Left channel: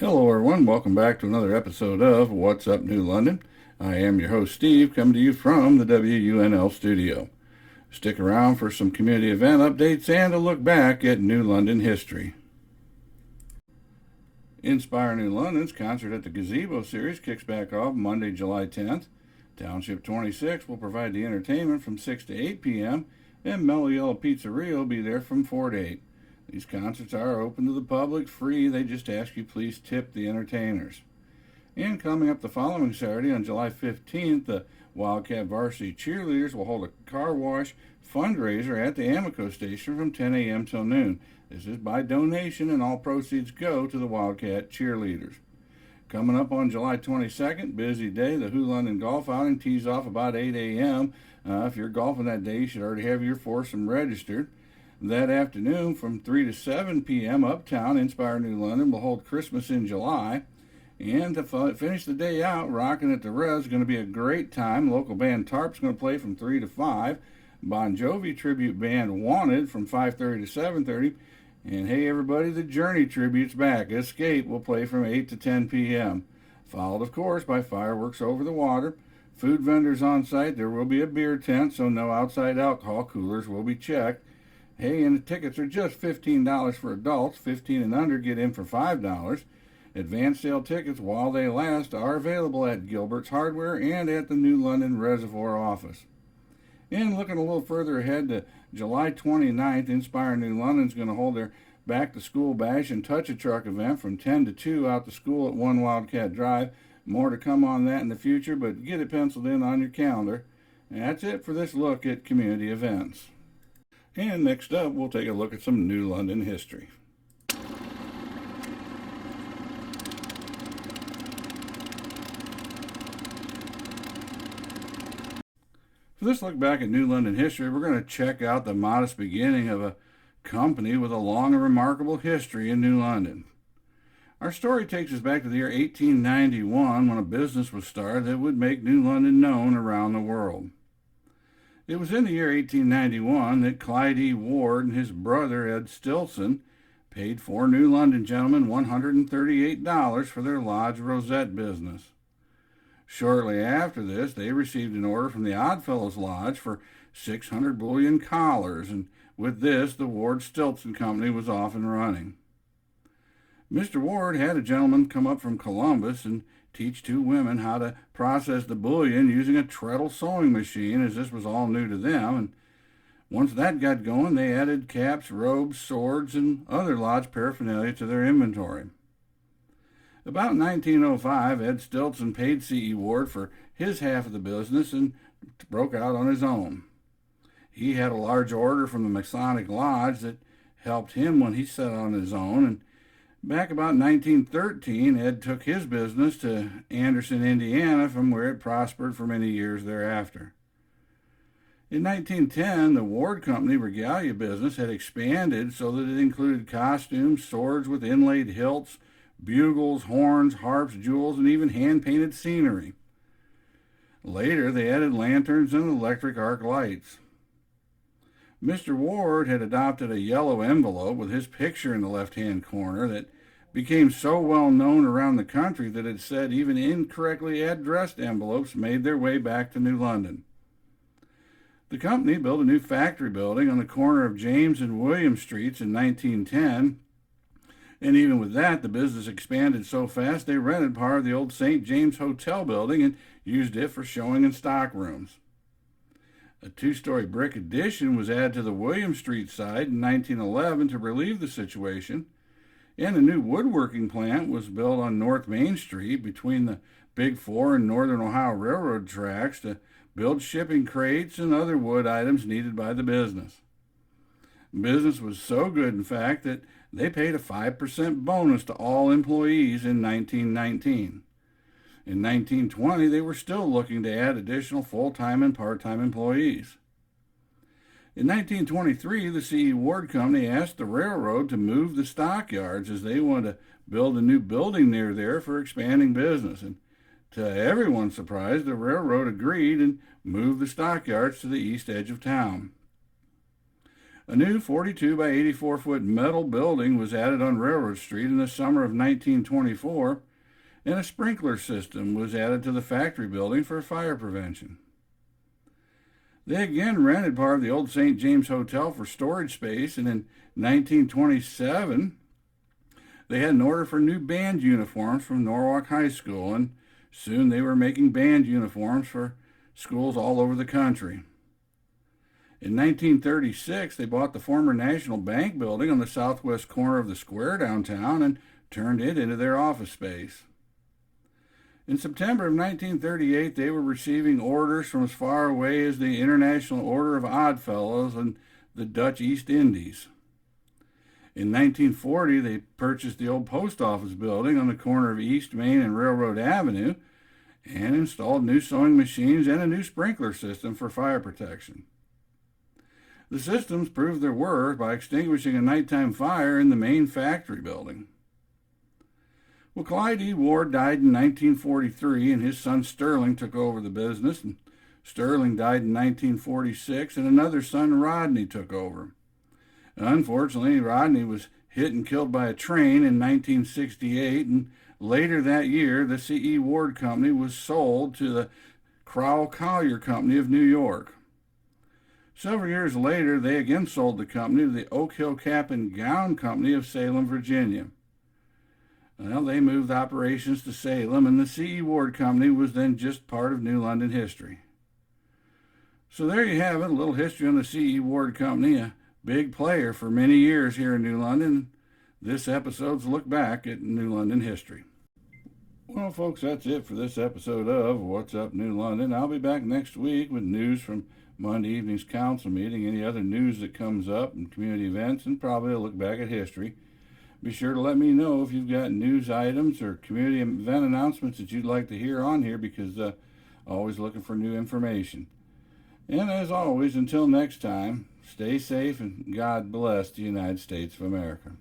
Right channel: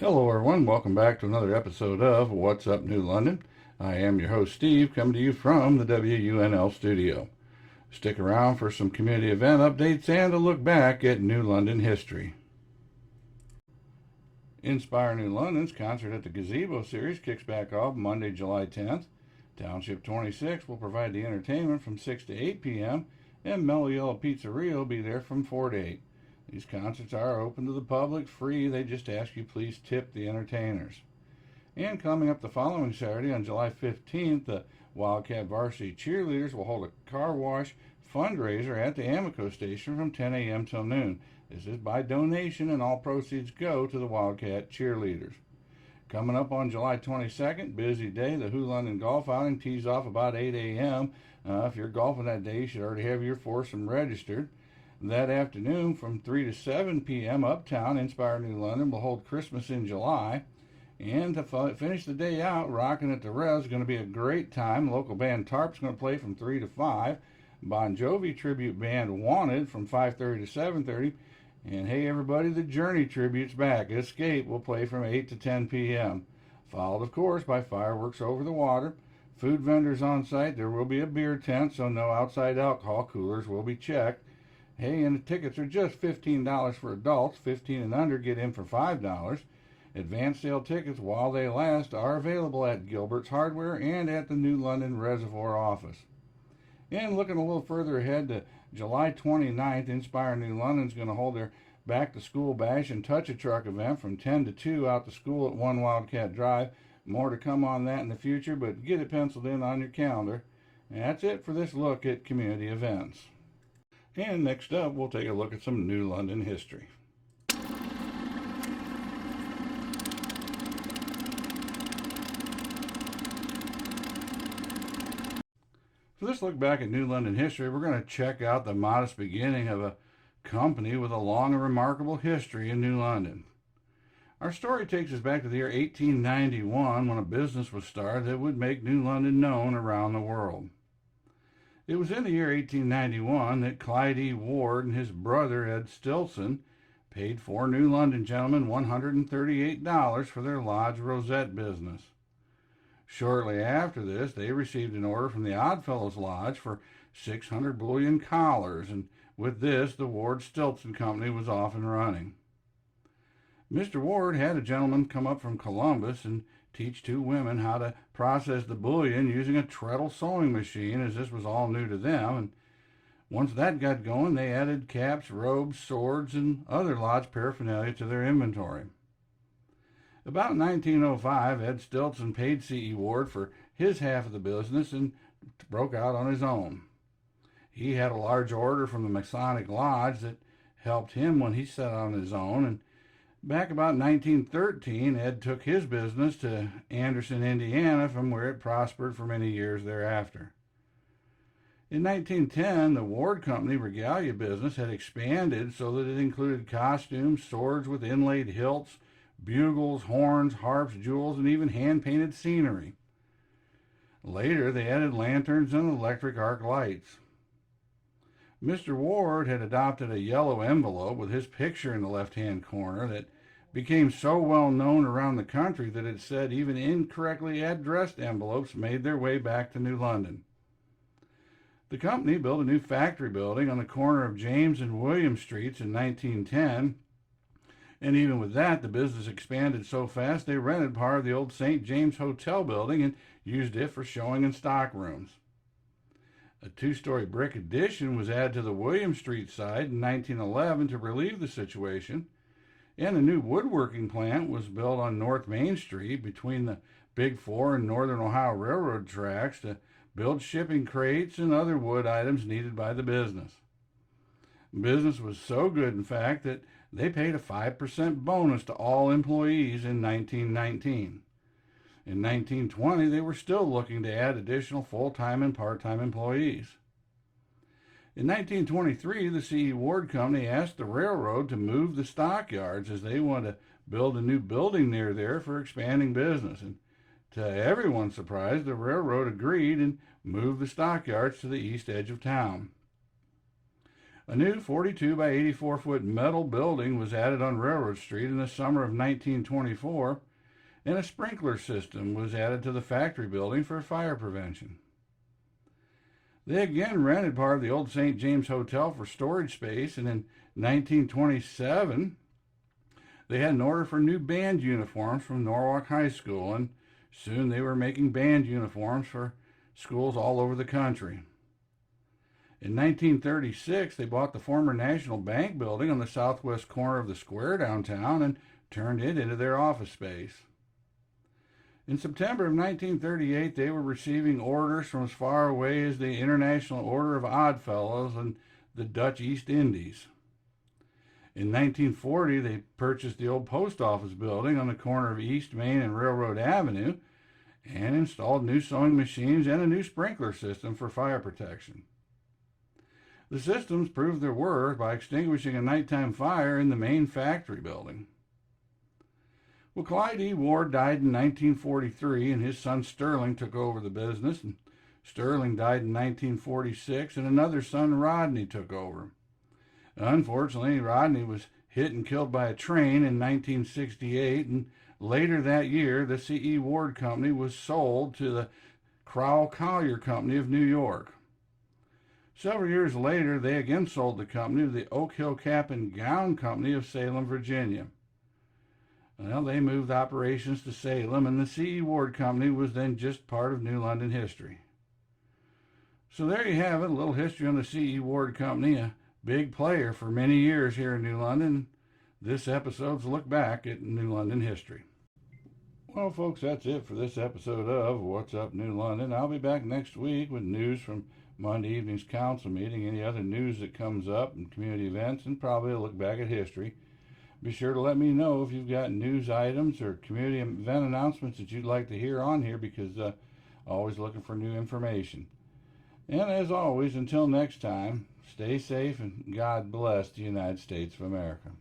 Hello, everyone. Welcome back to another episode of What's Up New London. I am your host, Steve, coming to you from the WUNL studio. Stick around for some community event updates and a look back at New London history. Inspire New London's concert at the Gazebo Series kicks back off Monday, July 10th. Township 26 will provide the entertainment from 6 to 8 p.m., and Mellow Yellow Pizzeria will be there from 4 to 8. These concerts are open to the public, free. They just ask you please tip the entertainers. And coming up the following Saturday on July 15th, the Wildcat Varsity Cheerleaders will hold a car wash fundraiser at the Amico station from 10 a.m. till noon. This is by donation, and all proceeds go to the Wildcat Cheerleaders. Coming up on July 22nd, busy day, the Who London Golf Outing tees off about 8 a.m. If you're golfing that day, you should already have your foursome registered. That afternoon from 3 to 7 p.m. Uptown, Inspire New London will hold Christmas in July. And to finish the day out, Rockin' at the Res is going to be a great time. Local band Tarp's going to play from 3 to 5. Bon Jovi tribute band Wanted from 5:30 to 7:30. And hey everybody, the Journey tribute's back. Escape will play from 8 to 10 p.m. Followed, of course, by fireworks over the water. Food vendors on site. There will be a beer tent, so no outside alcohol. Coolers will be checked. Hey, and the tickets are just $15 for adults. 15 and under get in for $5. Advance sale tickets, while they last, are available at Gilbert's Hardware and at the New London Reservoir office. And looking a little further ahead to July 29th, Inspire New London is going to hold their Back to School Bash and Touch a Truck event from 10 to 2 out to school at 1 Wildcat Drive. More to come on that in the future, but get it penciled in on your calendar. And that's it for this look at community events. And next up, we'll take a look at some New London history. For this look back at New London history, we're going to check out the modest beginning of a company with a long and remarkable history in New London. Our story takes us back to the year 1891 when a business was started that would make New London known around the world. It was in the year 1891 that Clyde E. Ward and his brother Ed Stilson paid four New London gentlemen $138 for their Lodge Rosette business. Shortly after this, they received an order from the Oddfellows Lodge for 600 bullion collars, and with this, the Ward Stilson Company was off and running. Mr. Ward had a gentleman come up from Columbus and teach two women how to process the bullion using a treadle sewing machine, as this was all new to them. And once that got going, they added caps, robes, swords, and other lodge paraphernalia to their inventory. About 1905, Ed Stilson paid C.E. Ward for his half of the business and broke out on his own. He had a large order from the Masonic Lodge that helped him when he set on his own, and back about 1913, Ed took his business to Anderson, Indiana, from where it prospered for many years thereafter. In 1910, the Ward Company regalia business had expanded so that it included costumes, swords with inlaid hilts, bugles, horns, harps, jewels, and even hand-painted scenery. Later, they added lanterns and electric arc lights. Mr. Ward had adopted a yellow envelope with his picture in the left-hand corner that became so well known around the country that it said even incorrectly addressed envelopes made their way back to New London. The company built a new factory building on the corner of James and William Streets in 1910, and even with that, the business expanded so fast they rented part of the old St. James Hotel building and used it for showing and stock rooms. A two-story brick addition was added to the William Street side in 1911 to relieve the situation, and a new woodworking plant was built on North Main Street between the Big Four and Northern Ohio Railroad tracks to build shipping crates and other wood items needed by the business. Business was so good, in fact, that they paid a 5% bonus to all employees in 1919. In 1920, they were still looking to add additional full-time and part-time employees. In 1923, the C.E. Ward Company asked the railroad to move the stockyards as they wanted to build a new building near there for expanding business. And to everyone's surprise, the railroad agreed and moved the stockyards to the east edge of town. A new 42 by 84 foot metal building was added on Railroad Street in the summer of 1924, and a sprinkler system was added to the factory building for fire prevention. They again rented part of the old St. James Hotel for storage space, and in 1927 they had an order for new band uniforms from Norwalk High School, and soon they were making band uniforms for schools all over the country. In 1936, they bought the former National Bank building on the southwest corner of the square downtown and turned it into their office space. In September of 1938, they were receiving orders from as far away as the International Order of Oddfellows and the Dutch East Indies. In 1940, they purchased the old post office building on the corner of East Main and Railroad Avenue and installed new sewing machines and a new sprinkler system for fire protection. The systems proved their worth by extinguishing a nighttime fire in the main factory building. Well, Clyde E. Ward died in 1943, and his son Sterling took over the business. And Sterling died in 1946, and another son, Rodney, took over. Unfortunately, Rodney was hit and killed by a train in 1968, and later that year, the C.E. Ward Company was sold to the Crowell Collier Company of New York. Several years later, they again sold the company to the Oak Hill Cap and Gown Company of Salem, Virginia. Well, they moved operations to Salem, and the C.E. Ward Company was then just part of New London history. So there you have it, a little history on the C.E. Ward Company, a big player for many years here in New London. This episode's a look back at New London history. Well, folks, that's it for this episode of What's Up New London. I'll be back next week with news from Monday evening's council meeting, any other news that comes up, and community events, and probably a look back at history. Be sure to let me know if you've got news items or community event announcements that you'd like to hear on here, because always looking for new information. And as always, until next time, stay safe and God bless the United States of America.